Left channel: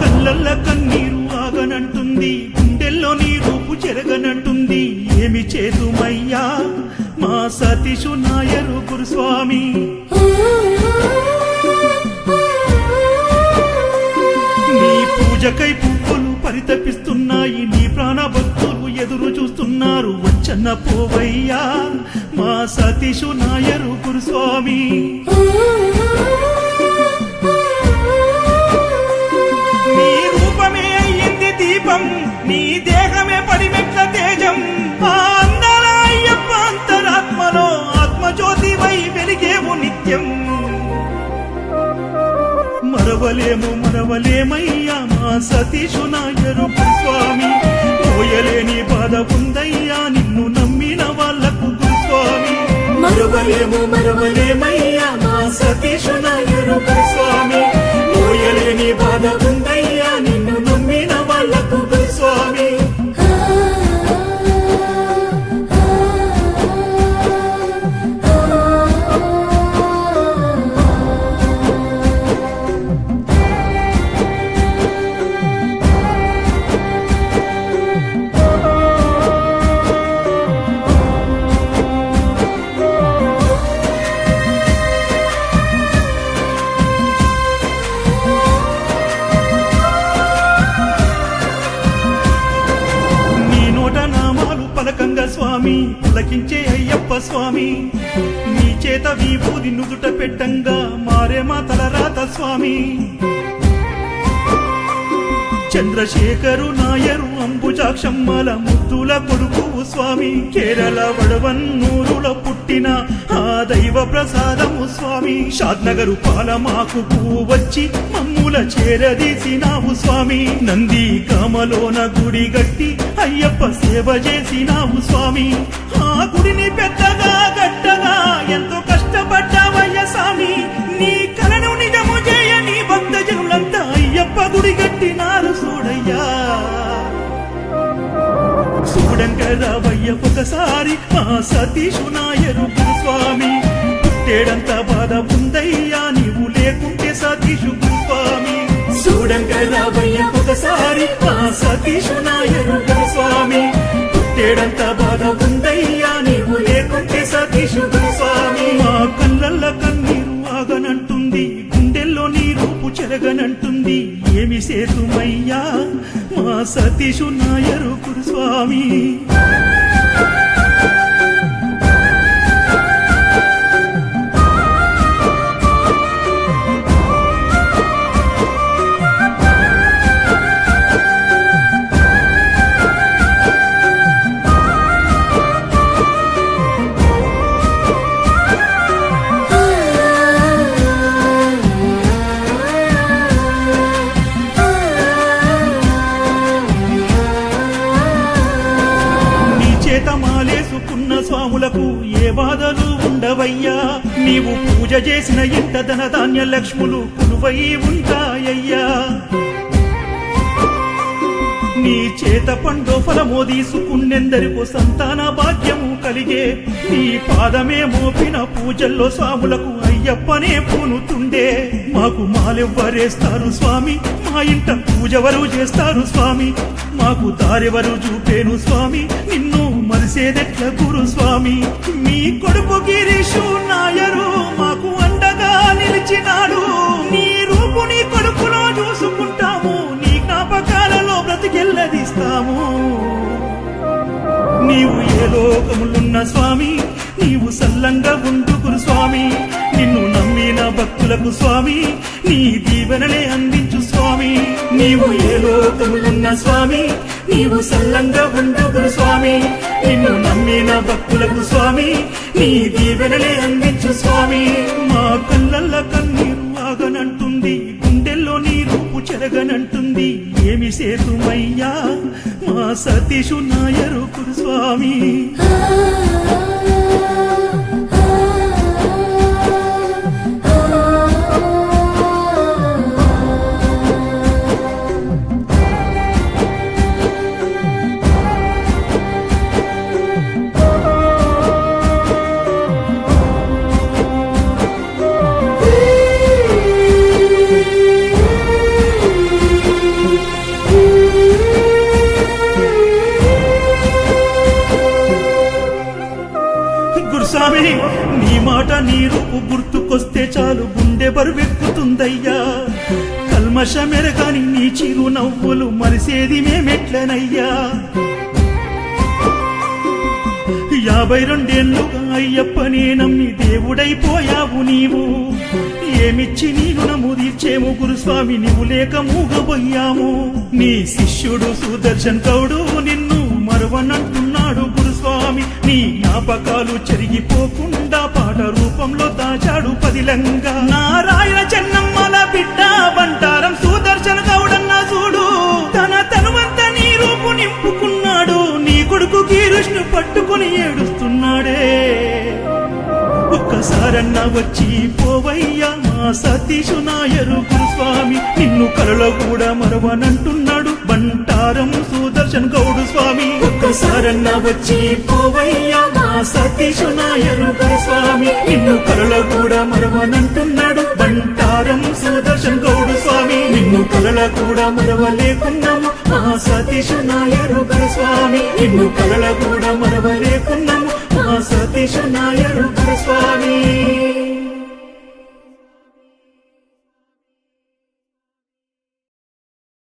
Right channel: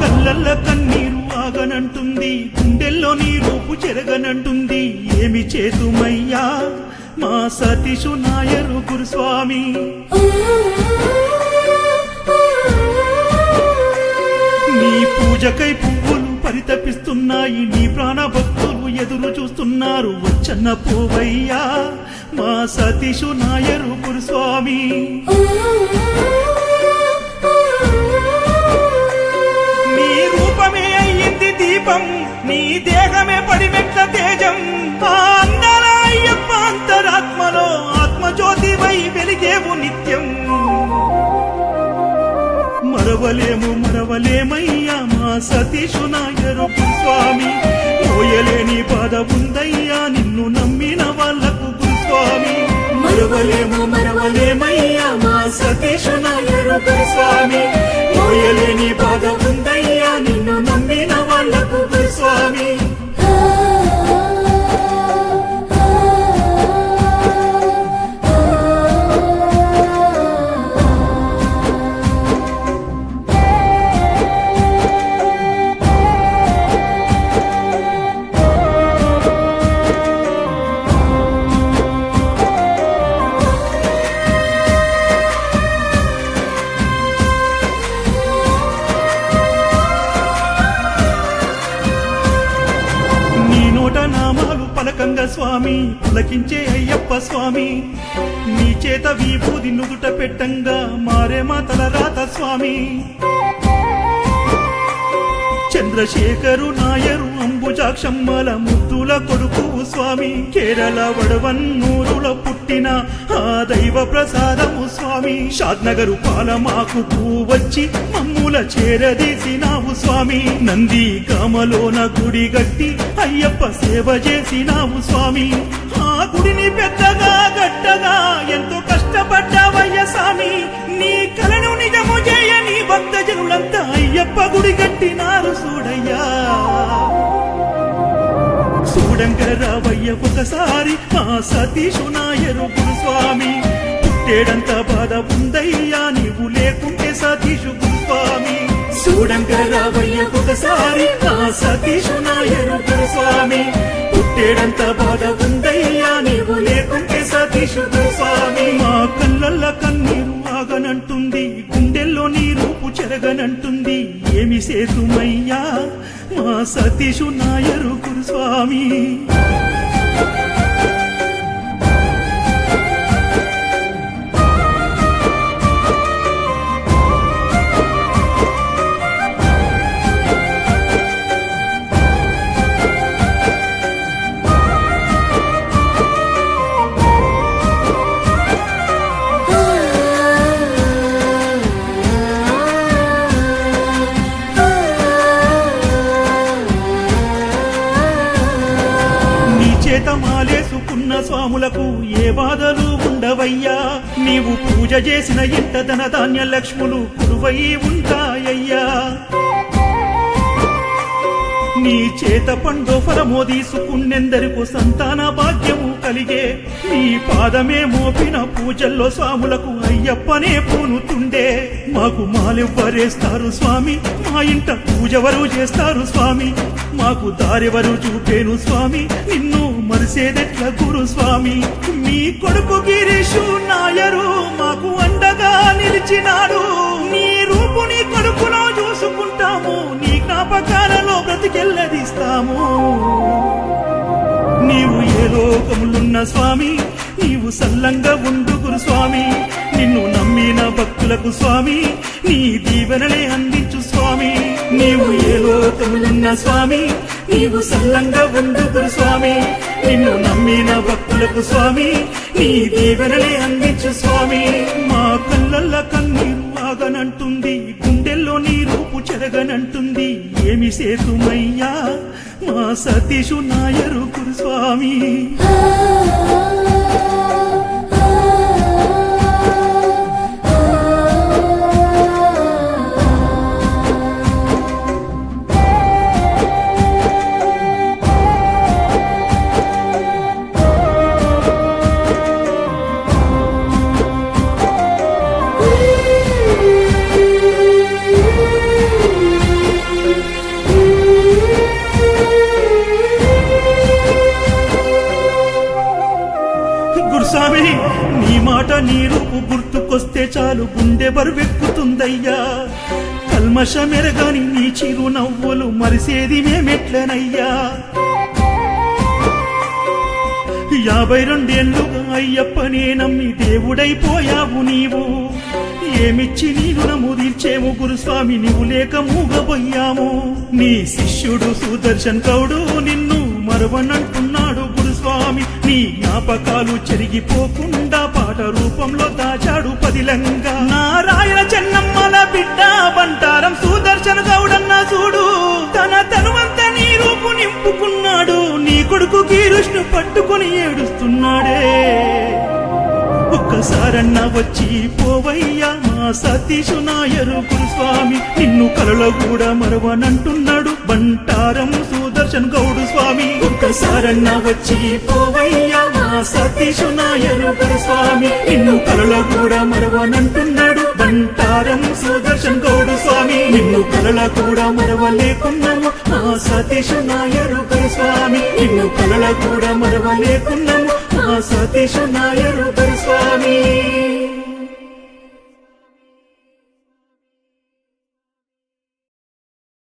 కళ్ళల్ల కన్నీరు ఆగనంటుంది, గుండెల్లో నీ రూపు చెరగనంటుంది. ఏమి చేతుమయ్యా మా సతీషు నాయరు గురుస్వామి. నీ పూజకై పువ్వులు పరితపిస్తున్నాయి, నీ ప్రాణ భక్తులు ఎదురు చూస్తున్నారు. వచ్చన్న పోవయ్యా మా సతీషు నాయరు గురుస్వామి. నీ రూపమే అయ్యింది దీపం, నీ దేహమే పడిమెట్ల తేజం. ఆ అందాల అయ్యప్ప అంతరాత్మలో ఆత్మజ్యోతివై వెలిగేవు నిత్యం. మరవలేమయ్యా మా సతీషు నాయరు గురుస్వామి. మోయలేని బాధ ఉందయ్యా నిన్ను నమ్మిన వాళ్లకు గురుస్వామి. మరవలేమయ్యా మా సతీషు నాయరు గురుస్వామి. మోయలేని బాధ ఉందయ్యా నిన్ను నమ్మిన వాళ్లకు గురుస్వామి. నీ నోట నామాలు పలకంగా స్వామి, పులకించే అయ్యప్ప స్వామి. నీ చేత విభూది నుదుట పెట్టంగా మారే మా తలరాత స్వామి. చంద్రశేఖరు నాయరు అంబుజాక్షమ్మల ముద్దుల కొడుకువు స్వామి. కేరళ వడవన్నూరులో పుట్టిన ఆ దైవ ప్రసాదము స్వామి. షాద్నగరు పాలమాకు వచ్చి మమ్ముల చేరదీసినావు స్వామి. నంది కామలోన గుడి గట్టి అయ్యప్ప సేవ చేసినావు స్వామి. ఆ గుడిని పెద్దగా గట్టగా ఎంతో కష్టపడ్డావయ్య స్వామి. నీ కలను నిజము చేయ నీ భక్త జనులంతా అయ్యప్ప గుడి గట్టినారు చూడయ్యా. చూడంగరావయ్య ఒకసారి మా సతీషు నాయరు గురుస్వామి. పుట్టేడంత బాధ ఉందయ్యా నీవు లేకుంటే సతీషు గురుస్వామి. చూడంగరావయ్య ఒకసారి మా సతీషు నాయరు గురుస్వామి. పుట్టేడంత బాధ ఉందయ్యా నీవు లేకుంటే సతీషు గురుస్వామి. మా కళ్ళల్ల కన్నీరు ఆగనంటుంది, గుండెల్లో నీ రూపు చెరగనంటుంది. ఏమి సేతుమయ్యా మా సతీషు నాయరు గురుస్వామి. నీ చేత మాలేసుకున్న స్వాములకు ఏ బాధలు ఉండవయ్యా. నీవు పూజ చేసిన ఇంట ధన ధాన్య లక్ష్ములు కొలువై ఉంటాయ్యా. నీ చేత పండో ఫలమో తీసుకున్నెందరికో సంతాన భాగ్యము కలిగే. నీ పాదమే మోపిన పూజల్లో స్వాములకు అయ్యప్పనే పూనుతుండే. మాకు మాలెవ్వరేస్తారు స్వామి, మా ఇంట పూజవరు చేస్తారు స్వామి. మాకు దారెవరు చూపేను స్వామి, నిన్ను మరిసేదెట్ల గురు స్వామి. మీ కొడుకు గిరీషు నాయరు మాకు అండగా నిలిచినాడు. నీ రూపు నీ కొడుకులో చూసుకుంటాము, నీ జ్ఞాపకాలలో బ్రతికెల్లదిస్తాము. నీవు ఏ లోకములున్న స్వామి, నీవు సల్లంగా ఉండు గురు స్వామి. నిన్ను నమ్మిన భక్తులకు స్వామి నీ దీవెనలే అందించు స్వామి. నీవు ఏ లోకములున్న స్వామి, నీవు సల్లంగా ఉండు గురు స్వామి. నిన్ను నమ్మిన భక్తులకు స్వామి నీ దీవెనలే అందించు స్వామి. మా కళ్ళల్ల కన్నీరు ఆగనంటుంది, గుండెల్లో నీ రూపు చెరగనంటుంది. ఏమి సేతుమయ్యా మా సతీషు నాయరు గురుస్వామి. గురుస్వామి నీ మాట నీ రూపు గుర్తుకొస్తే చాలు గుండె బరువెక్కుతుందయ్యా కల్మషమెరగాని నీ చిరు నవ్వులు మరిసేది మేమెట్లనయ్యా 52 అయ్యప్పనే నమ్మి దేవుడైపోయావు నీవు ఏమిచ్చి నీ రుణము తీర్చేము గురుస్వామి నీవు లేక మూగబోయాము నీ శిష్యుడు సుదర్శన్ గౌడు నిన్ను మరవనంటున్నాడు గురుస్వామి నీ జ్ఞాపకాలు చెరిగిపోకుండా పాట రూపంలో దాచాడు పదిలంగా నారాయణ చెన్నమ్మల బిడ్డ బంటారం సుదర్శన్ గౌడన్న చూడు తన తనువంత నీ రూపు నింపుకున్నాడు నీ కొడుకు కీరుష్ను పట్టుకొని ఏడుస్తున్నాడే ఒక్కసారన్నా వచ్చి పోవయ్యా మా సతీషు నాయరు గురుస్వామి నిన్ను కలలో కూడా మరవనంటున్నాడు బంటారం సుదర్శన్ గౌడు స్వామి ఒక్కసారన్నా వచ్చి పోవయ్యా మా సతీషు నాయరు గురుస్వామి నిన్ను కలలో కూడా మరవనంటున్నాడు బంటారం సుదర్శన్ గౌడు స్వామి నిన్ను కలల కూడా మరవలేకున్నాము మా సతీషు నాయరు గురుస్వామి నిన్ను కలల కూడా మరవలేకున్నాము మా సతీషు నాయరు గురుస్వామి